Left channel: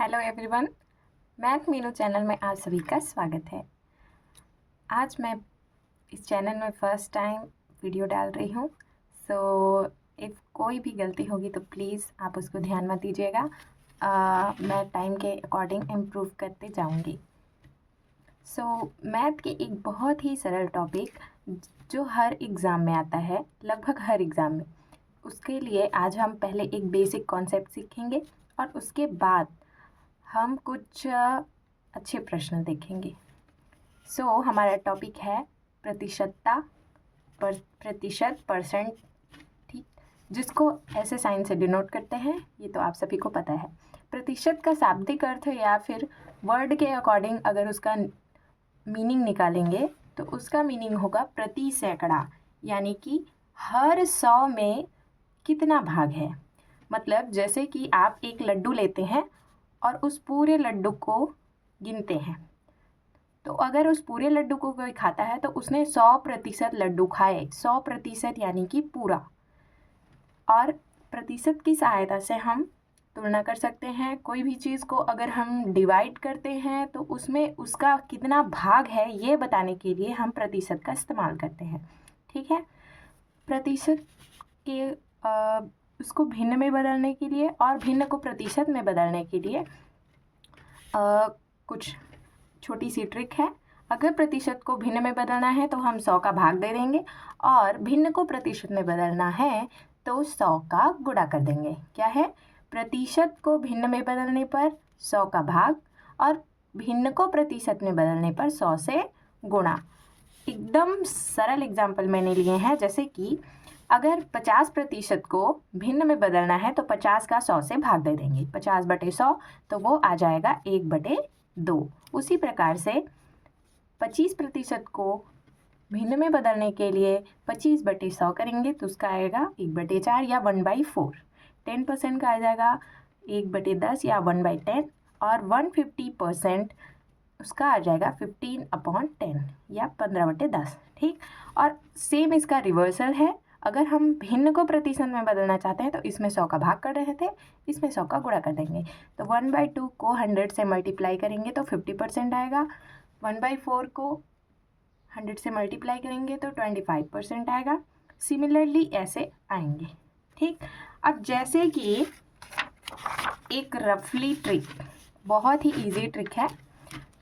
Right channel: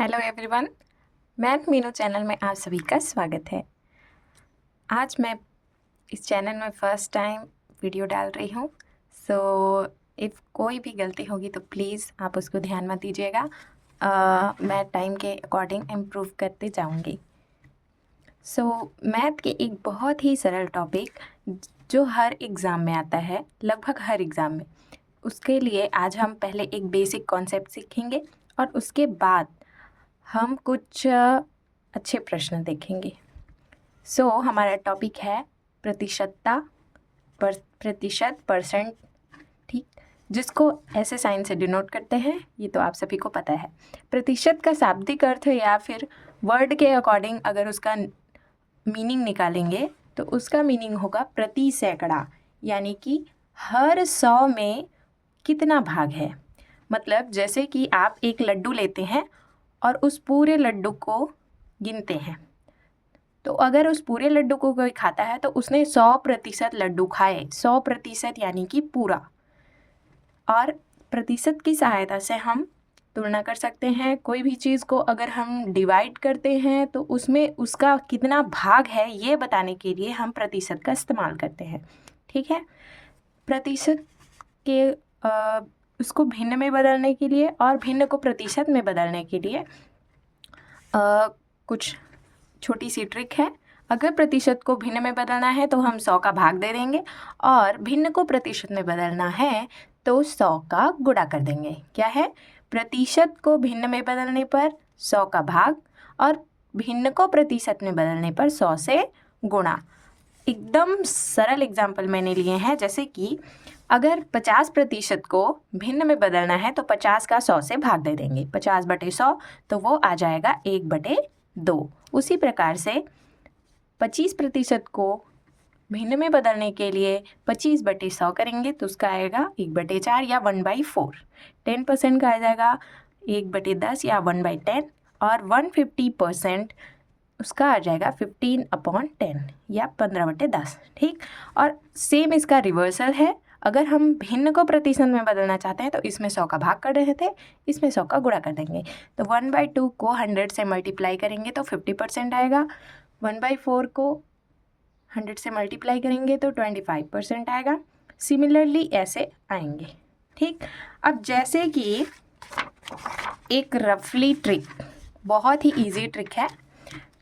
Hello everyone, math Meenu channel में आप सभी का स्वागत है। आज मैं इस चैनल में फ़र्स्ट टाइम वीडियो डाल रही हूँ। सो इफ़ कोई भी गलती होगी तो प्लीज़ आप उसको ध्यान मत दीजिएगा। मैं टाइम के अकॉर्डिंग इम्प्रूव करते जाऊँगी। मैथ के एक बहुत ही सरल टॉपिक जो हर एग्ज़ाम में आता है, लगभग हर एग्ज़ाम में, उसके लिए आज हम पहले एक बेसिक कॉन्सेप्ट सीखेंगे और उसके बाद हम कुछ अच्छे प्रश्न देखेंगे। हमारा टॉपिक है प्रतिशतता, प्रतिशत, परसेंट, ठीक, जिसको ऐसे साइन से डिनोट करते हैं, ये तो आप सभी को पता है। प्रतिशत का शाब्दिक अर्थ या फिर वर्ड के अकॉर्डिंग अगर उसका मीनिंग निकालेंगे तो उसका मीनिंग होगा प्रति सैकड़ा, यानी कि हर 100 में कितना भाग है। मतलब जैसे कि आप एक लड्डू लेते हैं और उस पूरे लड्डू को गिनते हैं, तो अगर उस पूरे लड्डू को कोई खाता है तो उसने 100% लड्डू खाए, 100% यानी कि पूरा। और प्रतिशत की सहायता से हम तुलना कर सकते हैं। कोई भी चीज़ को अगर हम डिवाइड करते हैं तो उसमें उसका कितना भाग है ये बताने के लिए हम प्रतिशत का इस्तेमाल करते हैं, ठीक है। प्रतिशत के उसको भिन्न में बदलने के लिए और भिन्न को प्रतिशत में बदलने के लिए कुछ छोटी सी ट्रिक है। अगर प्रतिशत को भिन्न में बदलना है तो हम 100 का भाग दे देंगे और भिन्न को प्रतिशत में बदलना है तो 100 का गुणा कर देंगे। क्या है? प्रतिशत को भिन्न में बदलने पर 100 का भाग और भिन्न को प्रतिशत में बदलने पर 100 से गुणा। एकदम सरल एग्जाम्पल मैंने लिए हैं, जैसे कि अगर 50% को भिन्न में बदलना है तो 50 का 100 से भाग दे देंगे, 50/100, तो वो आ जाएगा 1/2। उसी प्रकार से 25% को भिन्न में बदलने के लिए 25/100 करेंगे तो उसका आएगा 1/4 या 1/4। 10% का आ जाएगा 1/10 या 1/10 और 150% उसका आ जाएगा 15/10 या 15/10, ठीक। और सेम इसका रिवर्सल है। अगर हम भिन्न को प्रतिशत में बदलना चाहते हैं तो इसमें 100 का भाग कर रहे थे, इसमें 100 का गुणा कर देंगे। तो 1/2 को 100 से मल्टीप्लाई करेंगे तो 50% आएगा। 1/4 को 100 से मल्टीप्लाई करेंगे तो 25% आएगा। सिमिलरली ऐसे आएंगे, ठीक। अब जैसे कि एक रफली ट्रिक, बहुत ही इजी ट्रिक है।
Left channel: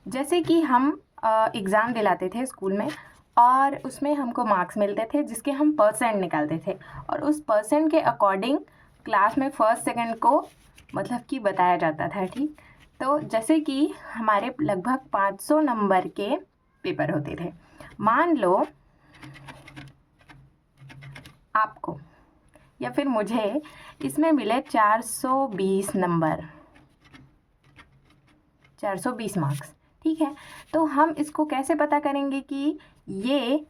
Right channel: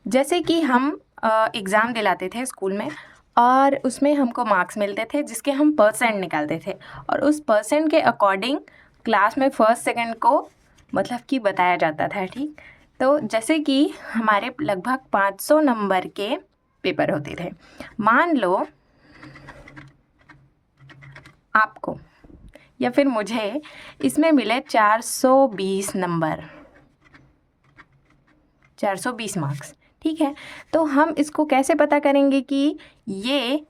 जैसे कि हम एग्ज़ाम दिलाते थे स्कूल में और उसमें हमको मार्क्स मिलते थे जिसके हम परसेंट निकालते थे और उस परसेंट के अकॉर्डिंग क्लास में फर्स्ट सेकंड को मतलब कि बताया जाता था, ठीक। तो जैसे कि हमारे लगभग 500 नंबर के पेपर होते थे। मान लो आपको या फिर मुझे इसमें मिले 420 नंबर, 420 मार्क्स, ठीक है। तो हम इसको कैसे पता करेंगे कि ये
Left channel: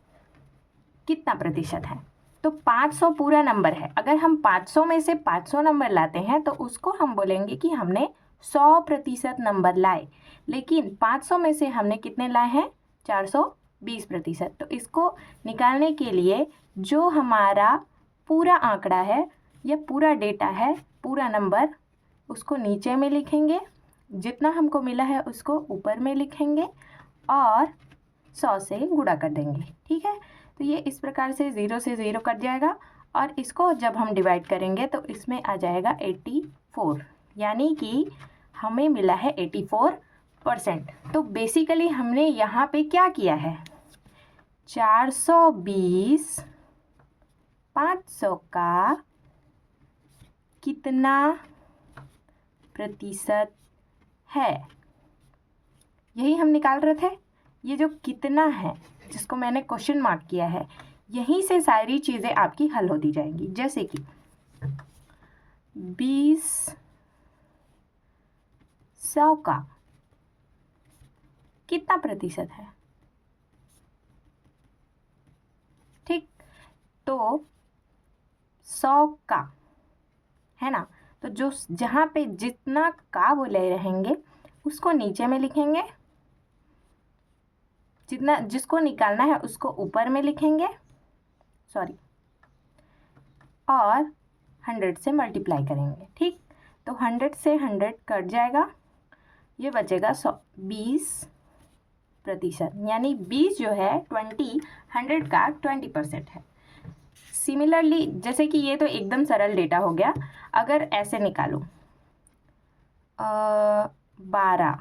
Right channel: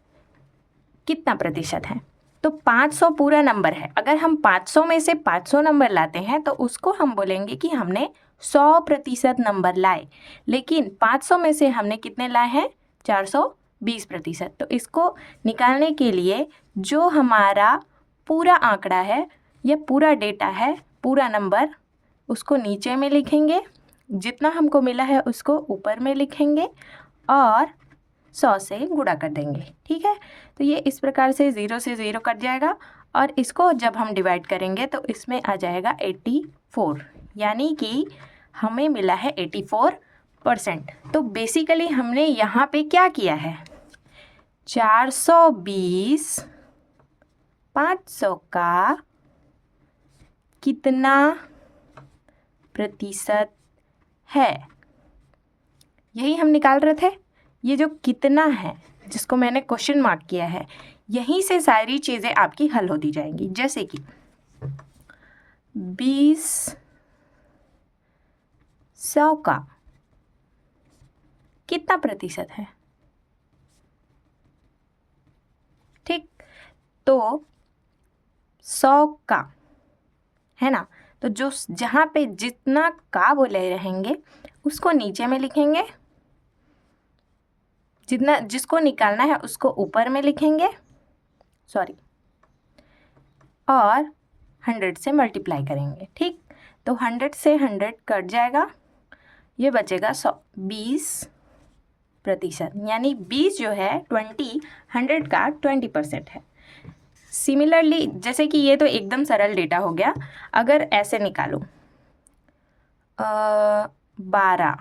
कितना प्रतिशत है? तो 500 पूरा नंबर है। अगर हम 500 में से 500 नंबर लाते हैं तो उसको हम बोलेंगे कि हमने 100% नंबर लाए। लेकिन 500 में से हमने कितने लाए हैं? 420%। तो इसको निकालने के लिए जो हमारा पूरा आंकड़ा है या पूरा डेटा है, पूरा नंबर, उसको नीचे में लिखेंगे, जितना हमको मिला है उसको ऊपर में लिखेंगे और 100 से गुणा कर देंगे, ठीक है। तो ये इस प्रकार से 0 से 0 कट जाएगा और इसको जब हम डिवाइड करेंगे तो इसमें आ जाएगा 84, यानी कि हमें मिला है 84%। तो बेसिकली हमने यहाँ पे क्या किया है? 420 500 का कितना प्रतिशत है, यही हम निकाल रहे थे। ये जो कितना है जिसको मैंने क्वेश्चन मार्क किया है, यहीं से सारी चीज़ें आपकी हल होती जाएंगी। जैसे कि 20 100 का कितना प्रतिशत है, ठीक। तो 100 का है ना, तो जो जहाँ पे जितना का बोले रहेंगे उसको नीचे में लिखेंगे, जितना जिसको निकालना है उसको ऊपर में लिखेंगे, सॉरी, और 100 से मल्टीप्लाई करेंगे, ठीक। तो 100 से 100 कट जाएगा ये बचेगा 20%, यानी 20 जो है 100 का 20% है। सिमिलरली जैसे कि ये तो एकदम सरल डेटा हो गया, अगर ऐसे निकालो 12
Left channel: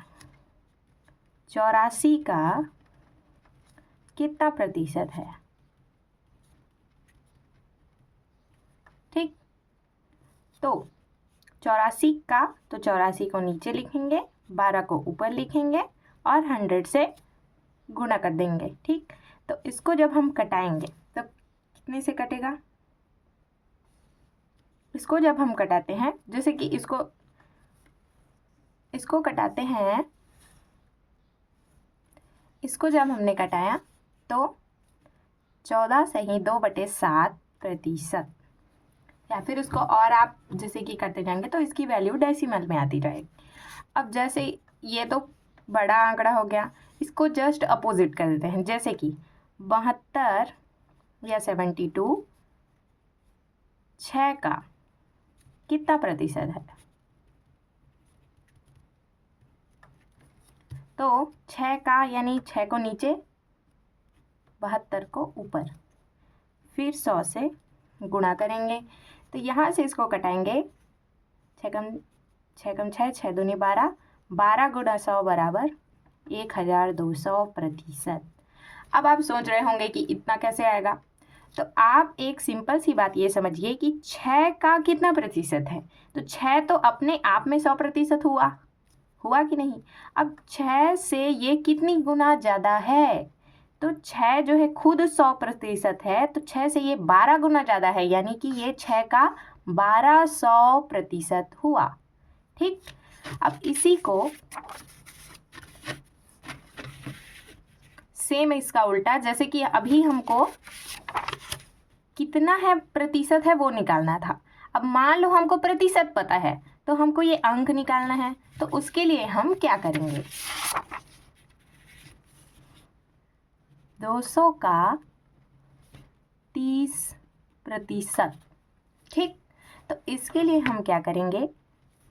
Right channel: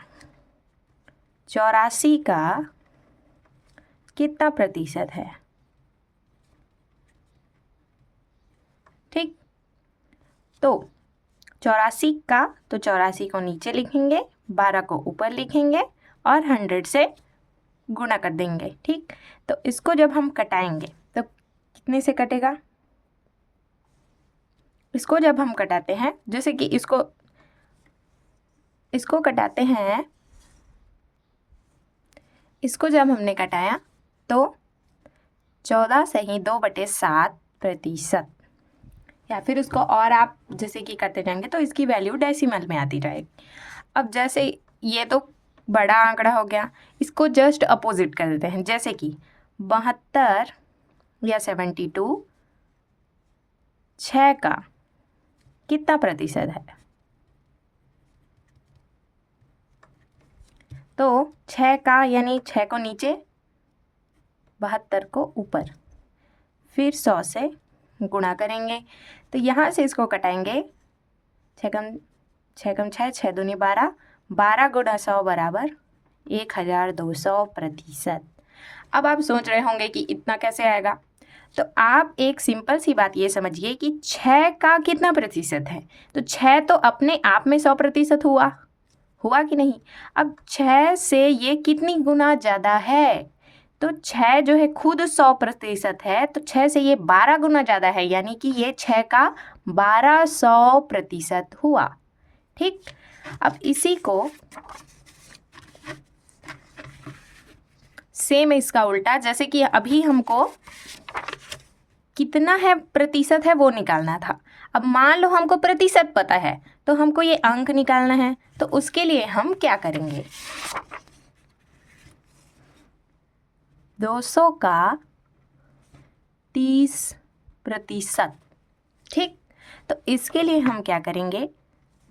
84 का कितना प्रतिशत है, ठीक। तो 84 का, तो 84 को नीचे लिखेंगे, 12 को ऊपर लिखेंगे और 100 से गुणा कर देंगे, ठीक। तो इसको जब हम कटाएंगे तो कितने से कटेगा, इसको जब हम कटाते हैं, जैसे कि इसको कटाते हैं, इसको जब हमने कटाया तो 14 सही 2/7%, या फिर उसको और आप जैसे कि करते जाएंगे तो इसकी वैल्यू डेसिमल में आती जाएगी। अब जैसे ये तो बड़ा आंकड़ा हो गया, इसको जस्ट अपोजिट कर देते हैं, जैसे कि 72 या 72 6 का कितना प्रतिशत है, तो 6 का यानी 6 को नीचे, 72 को ऊपर, फिर 100 से गुणा करेंगे। तो यहाँ से इसको कटाएंगे, 6 कम 6 6 दूनी 12, 12 गुणा 100 बराबर 1200%। अब आप सोच रहे होंगे कि इतना कैसे आएगा, तो आप एक सिंपल सी बात ये समझिए कि 6 का कितना प्रतिशत है, तो 6 तो अपने आप में 100% हुआ कि नहीं। अब 6 से ये कितनी गुना ज़्यादा है, तो 6 जो है खुद 100% है, तो 6 से ये 12 गुना ज़्यादा है, यानी कि ये 6 का 1200% हुआ, ठीक। अब इसी को सेम इसका उल्टा, जैसे कि अभी हमको कितना है प्रतिशत है वो निकालना था। अब मान लो हमको प्रतिशत पता है, तो हमको ये अंक निकालना है, तो उसके लिए हम क्या करेंगे, 200 का 30%, ठीक। तो इसके लिए हम क्या करेंगे,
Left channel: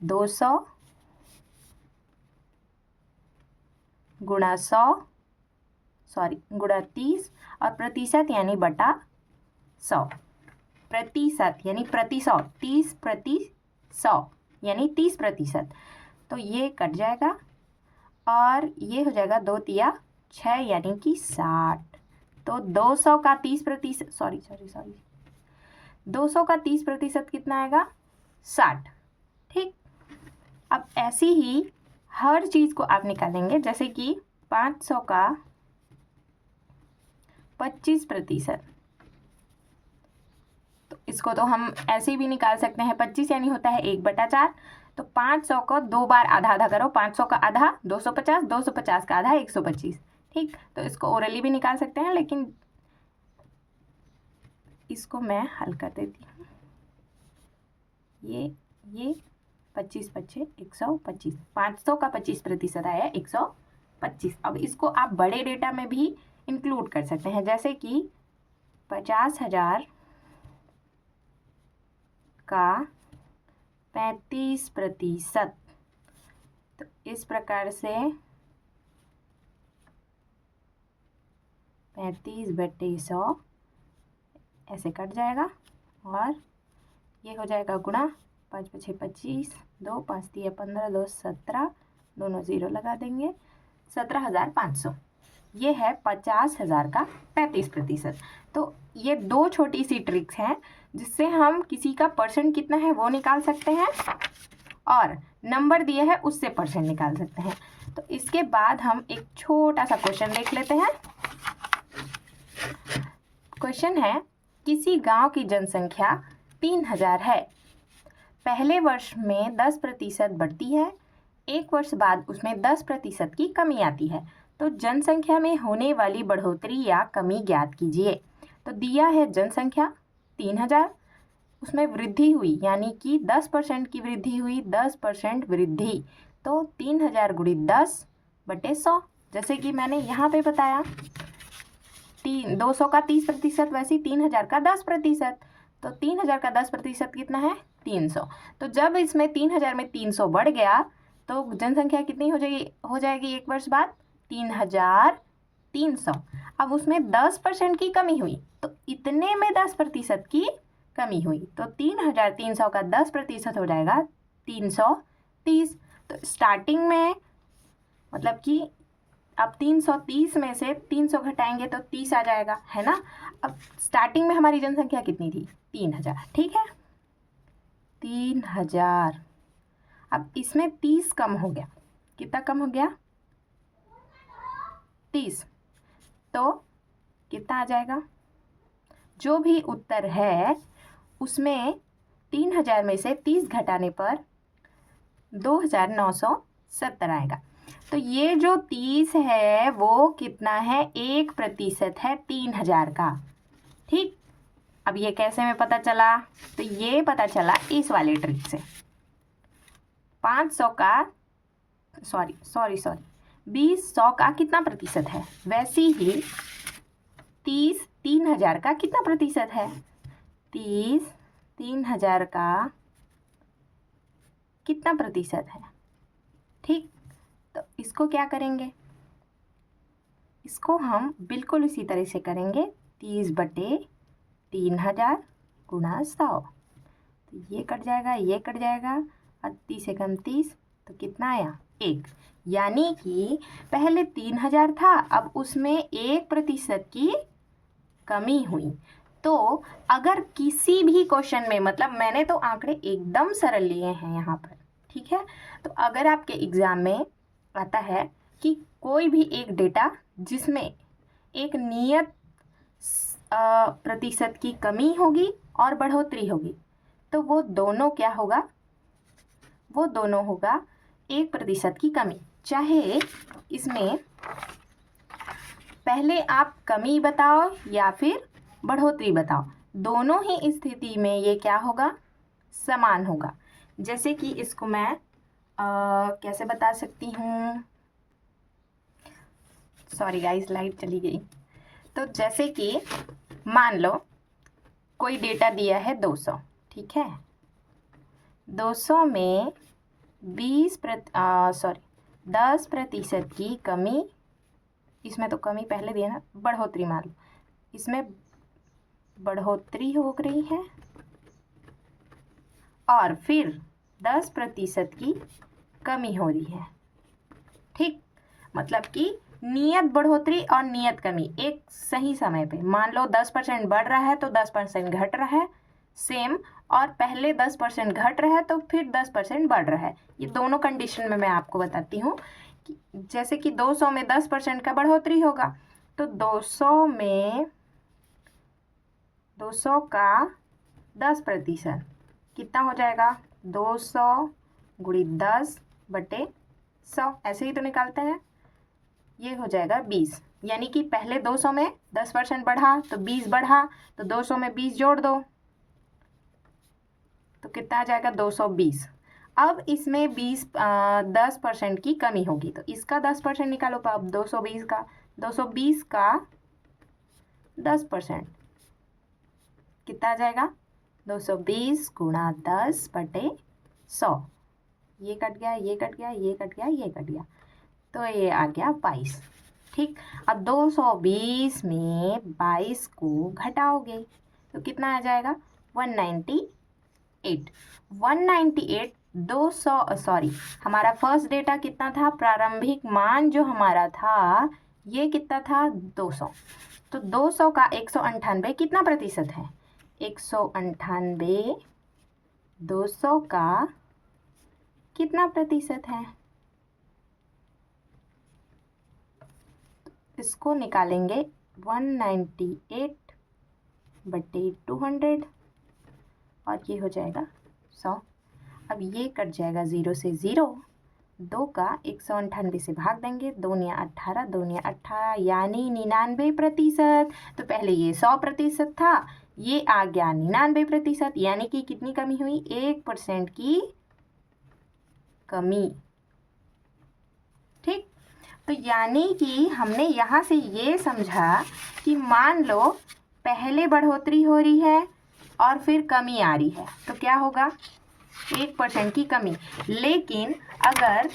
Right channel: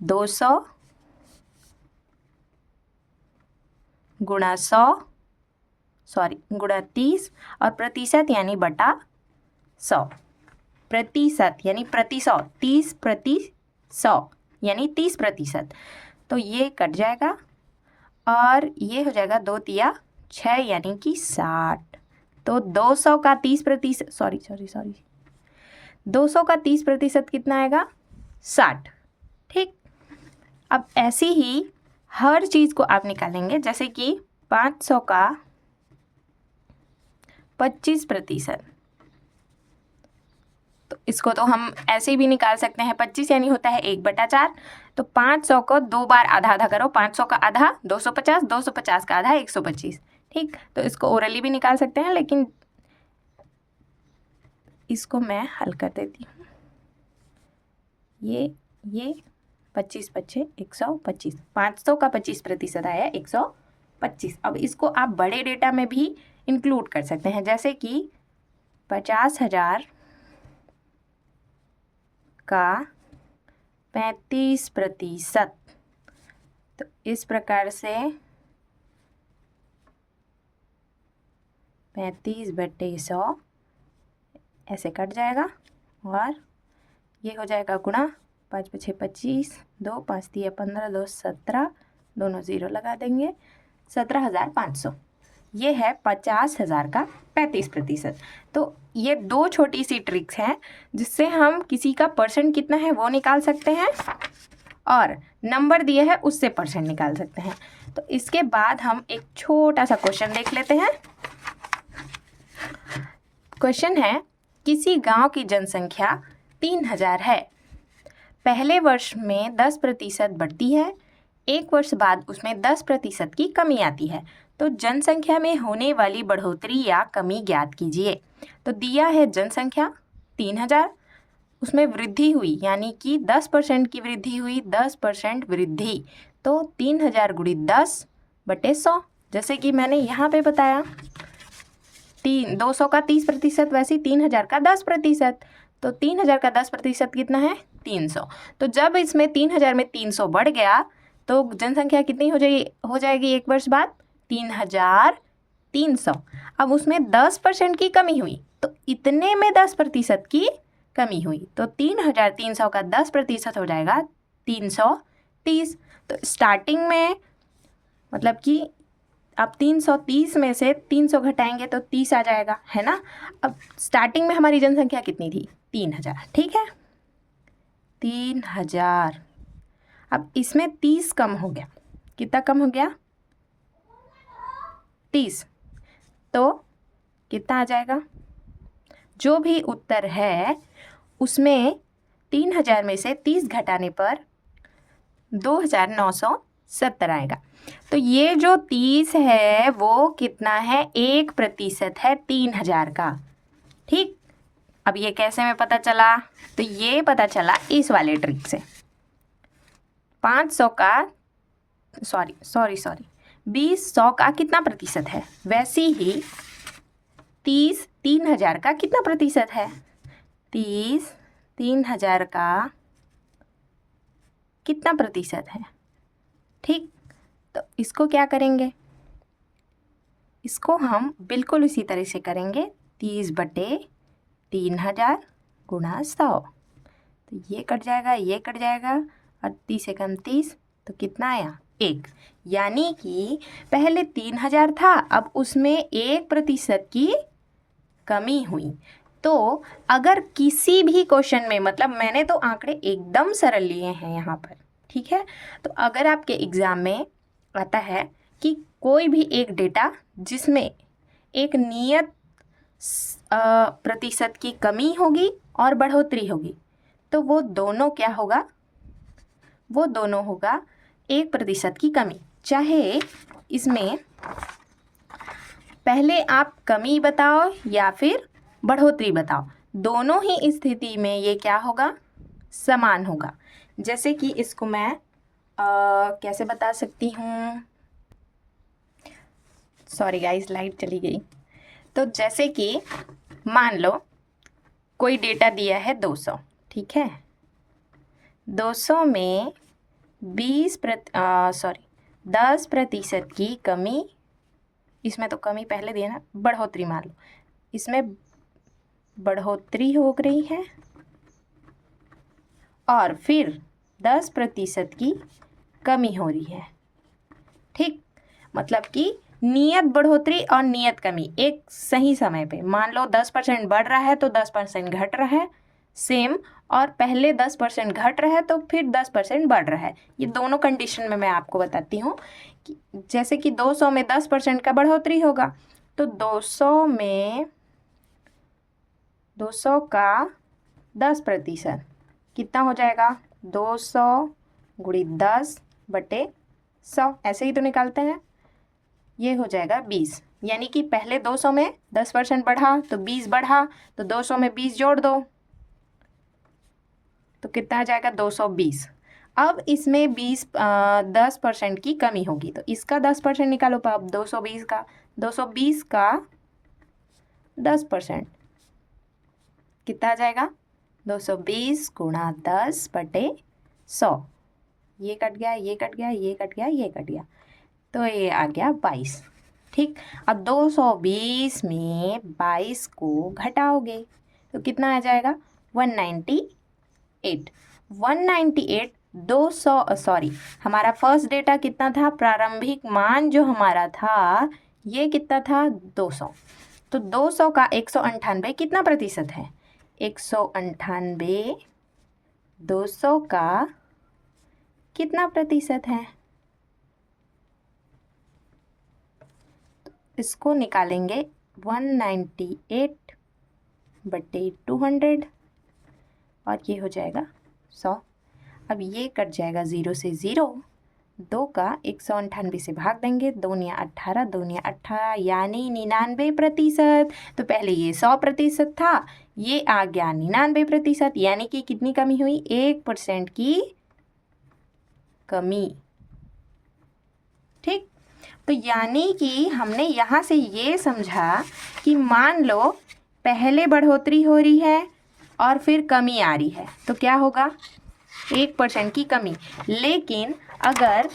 200 गुणा 30 और प्रतिशत यानी बटा 100, प्रतिशत यानी प्रति 100, 30/100 यानी 30%। तो ये कट जाएगा और ये हो जाएगा 2 तिया 6 यानी कि 60। तो 200 का 30%, सॉरी 200 का 30% कितना आएगा, 60, ठीक। अब ऐसे ही हर चीज़ को आप निकालेंगे, जैसे कि 500 का 25%, तो इसको तो हम ऐसे भी निकाल सकते हैं, 25 यानी होता है 1/4। तो 500 को 2 बार आधा आधा करो, 500 का आधा 250, 250 का आधा 125, ठीक। तो इसको ओरली भी निकाल सकते हैं, लेकिन इसको मैं हल कर देती हूँ। ये 25 25 125, 500 का 25% आया 125। अब इसको आप बड़े डेटा में भी इंक्लूड कर सकते हैं, जैसे कि 50,000 का 35%, तो इस प्रकार से 35/100 ऐसे कट जाएगा और ये हो जाएगा गुणा, 5 5 6 25, 2 5 3 15, 2 17, दोनों ज़ीरो लगा देंगे, 17,500। ये है 50,000 का 35%। तो ये 2 छोटी सी ट्रिक्स हैं जिससे हम किसी का परसेंट कितना है वो निकाल सकते हैं और नंबर दिए है उससे परसेंट निकाल सकते हैं। तो इसके बाद हम एक छोटा सा क्वेश्चन देख लेते हैं। क्वेश्चन है, किसी गांव की जनसंख्या 3000 है, पहले वर्ष में 10% बढ़ती है, एक वर्ष बाद उसमें 10% की कमी आती है, तो जनसंख्या में होने वाली बढ़ोतरी या कमी ज्ञात कीजिए। तो दिया है जनसंख्या 3000, उसमें वृद्धि हुई यानी कि 10% की वृद्धि हुई, 10% वृद्धि, तो 3000 गुणित 10/100, जैसे कि मैंने यहाँ पे बताया 200 का 30%, वैसे 3000 का 10%, तो 3000 का 10% कितना है 300। तो जब इसमें 3000 में 300 बढ़ गया तो जनसंख्या कितनी हो जाएगी एक वर्ष बाद? 3,300। अब उसमें 10% की कमी हुई, तो इतने में 10% की कमी हुई, तो 3,300 का 10% हो जाएगा 330। तो स्टार्टिंग में मतलब कि अब 330 में से 300 घटाएंगे तो 30 आ जाएगा, है ना। अब स्टार्टिंग में हमारी जनसंख्या कितनी थी? 3,000, ठीक है, 3,000। अब इसमें 30 कम हो गया, कितना कम हो गया? 30। तो कितना आ जाएगा? जो भी उत्तर है उसमें 3,000 में से 30 घटाने पर 2,970 आएगा। तो ये जो 30 है वो कितना है? 1% है 3,000 का, ठीक। अब ये कैसे में पता चला? तो ये पता चला इस वाले ट्रिक से। 500 का सॉरी 20 100 का कितना प्रतिशत है? वैसे ही 30 3,000 का कितना प्रतिशत है? 30 3,000 का कितना प्रतिशत है? ठीक, तो इसको क्या करेंगे? इसको हम बिल्कुल इसी तरह से करेंगे, 30/3,000 गुणा 100। तो ये कट जाएगा, ये कट जाएगा, और 30 से कम 30, तो कितना आया? 1। यानी कि पहले 3,000 था, अब उसमें 1% की कमी हुई। तो अगर किसी भी क्वेश्चन में, मतलब मैंने तो आंकड़े एकदम सरल लिए हैं यहाँ पर, ठीक है, तो अगर आपके एग्ज़ाम में आता है कि कोई भी एक डेटा जिसमें एक नियत प्रतिशत की कमी होगी और बढ़ोतरी होगी, तो वो दोनों क्या होगा? वो दोनों होगा 1% की कमी। चाहे इसमें पहले आप कमी बताओ या फिर बढ़ोतरी बताओ, दोनों ही स्थिति में ये क्या होगा? समान होगा। जैसे कि इसको मैं कैसे बता सकती हूँ? सॉरी गाइस, लाइट चली गई। तो जैसे कि मान लो कोई डेटा दिया है 200, ठीक है, 200 में 10% की कमी, इसमें तो कमी पहले दिया ना, बढ़ोतरी मान लो, इसमें बढ़ोतरी हो रही है और फिर 10% की कमी हो रही है, ठीक। मतलब कि नियत बढ़ोतरी और नियत कमी एक सही समय पे, मान लो 10% बढ़ रहा है तो 10% घट रहा है, सेम, और पहले 10% घट रहा है तो फिर 10% बढ़ रहा है। ये दोनों कंडीशन में मैं आपको बताती हूँ कि जैसे कि 200 में 10% का बढ़ोतरी होगा, तो 200 का 10% कितना हो जाएगा? 200 गुणित 10/100, ऐसे ही तो निकालते हैं। ये हो जाएगा 20, यानी कि पहले 200 में 10% बढ़ा तो 20 बढ़ा, तो 200 में 20 जोड़ दो, तो कितना आ जाएगा? 220। अब इसमें 10% की कमी होगी, तो इसका 10% निकालो। तो अब 220 का 10% कितना आ जाएगा? 220 गुणा 10/100। ये कट गया, ये कट गया, ये कट गया, ये कट गया, तो ये आ गया 22, ठीक। अब 220 में 22 को घटाओगे तो कितना आ जाएगा? 198। 198 हमारा फर्स्ट डेटा कितना था? प्रारंभिक मान जो हमारा था ये कितना था? 200। तो 200 का 198 कितना प्रतिशत है? 198 200 का कितना प्रतिशत है? इसको निकालेंगे 198/200 और ये हो जाएगा 100। अब ये कट जाएगा 0 से 0, 2 का 198 से भाग देंगे, 2 या 18, 2 या 18 यानी 99%। तो पहले ये 100% था, ये आ गया 99%, यानी कि कितनी कमी हुई? 1% की कमी, ठीक। तो यानी कि हमने यहाँ से ये समझा कि मान लो पहले बढ़ोतरी हो रही है और फिर कमी आ रही है, तो क्या होगा? 1% की कमी। लेकिन अगर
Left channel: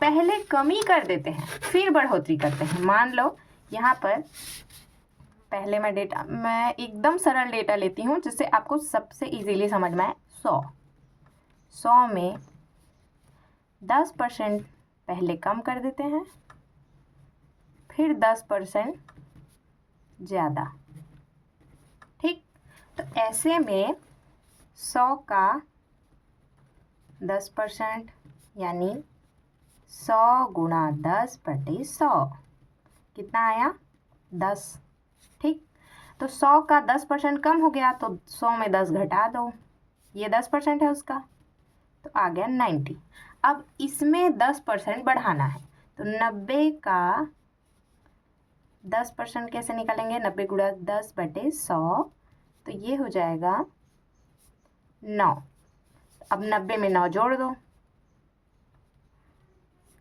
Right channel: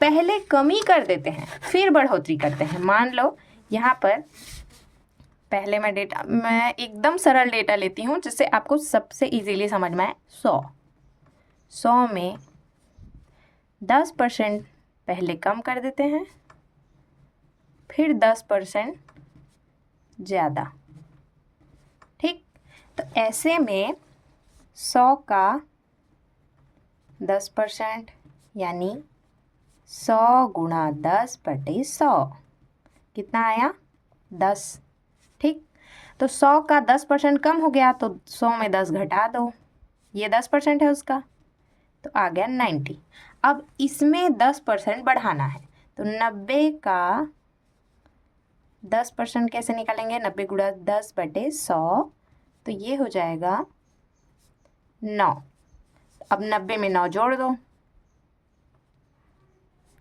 पहले कमी कर देते हैं फिर बढ़ोतरी करते हैं, मान लो यहाँ पर पहले मैं एकदम सरल डेटा लेती हूँ जिससे आपको सबसे इजीली समझ में आए। 100 में 10% पहले कम कर देते हैं, फिर 10% ज़्यादा, ठीक। तो ऐसे में 100 का 10% यानी 100 गुणा 10/100 कितना आया? 10, ठीक। तो 100 का 10% कम हो गया तो 100 में 10 घटा दो, ये 10% है उसका, तो आ गया 90। अब इसमें 10% बढ़ाना है तो 90 का 10% कैसे निकालेंगे? 90 गुणा 10/100, तो ये हो जाएगा 9। अब 90 में 9 जोड़ दो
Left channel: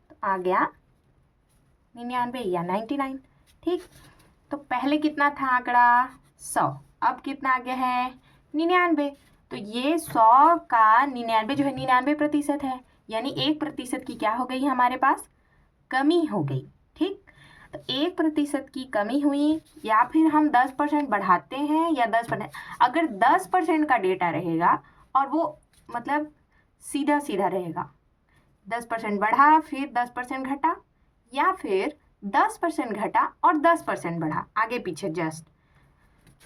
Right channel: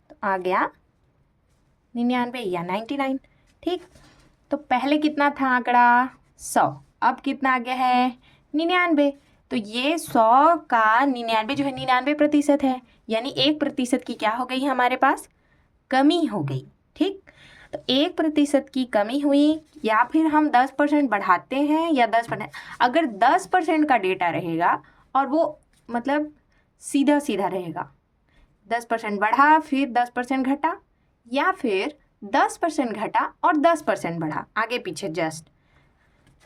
तो आ गया 99 या 99, ठीक। तो पहले कितना था आंकड़ा? 100, अब कितना आ गया है? 99। तो ये 100 का 99 जो है 99% है, यानी 1% की क्या हो गई हमारे पास? कमी हो गई, ठीक। तो 1% की कमी हुई, या फिर हम 10% बढ़ाते हैं या 10%। अगर 10% का डेटा रहेगा और वो मतलब सीधा सीधा रहेगा, 10% बढ़ा फिर 10% घटा, या फिर 10% घटा और 10% बढ़ा, आगे पीछे जस्ट,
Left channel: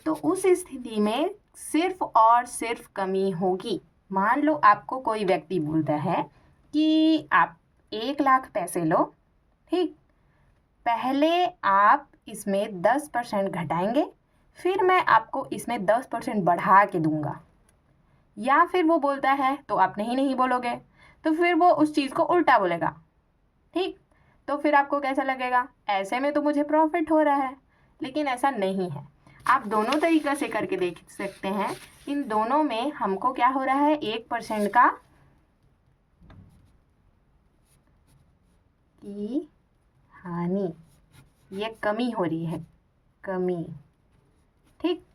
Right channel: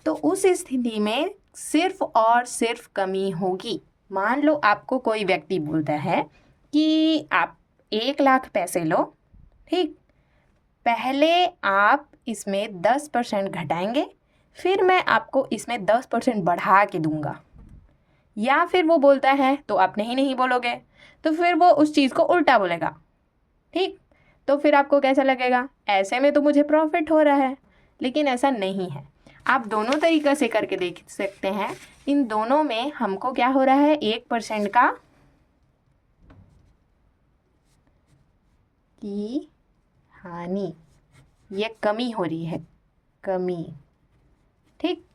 तो उस स्थिति में सिर्फ और सिर्फ कमी होगी। मान लो आपको कोई व्यक्ति बोलता है कि आप 1 लाख पैसे लो, ठीक। पहले आप इसमें 10% घटाएंगे, फिर मैं आपको इसमें 10% बढ़ा के दूंगा। या फिर वो बोलता है तो आप नहीं बोलोगे, तो फिर वो उस चीज़ को उल्टा बोलेगा, ठीक। तो फिर आपको कैसा लगेगा? ऐसे में तो मुझे प्रॉफिट हो रहा है, लेकिन ऐसा नहीं है। आप दोनों तरीक़े से करके देख सकते हैं। इन दोनों में हमको क्या हो रहा है? 1% का की हानि, ये कमी हो रही है, कमी, ठीक।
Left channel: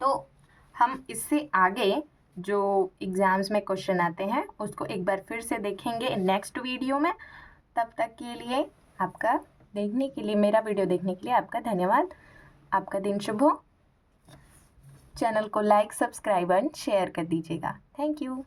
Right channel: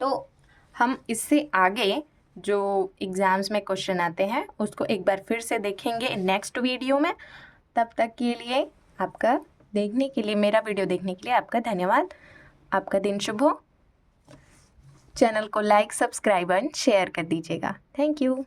तो हम इससे आगे जो एग्ज़ाम्स में क्वेश्चन आते हैं उसको एक बार फिर से देखेंगे नेक्स्ट वीडियो में। तब तक के लिए आपका देखने के लिए, मेरा वीडियो देखने के लिए आपका धन्यवाद। आपका दिन शुभ हो। चैनल को लाइक, सब्सक्राइब एंड शेयर कर दीजिएगा। Thank you.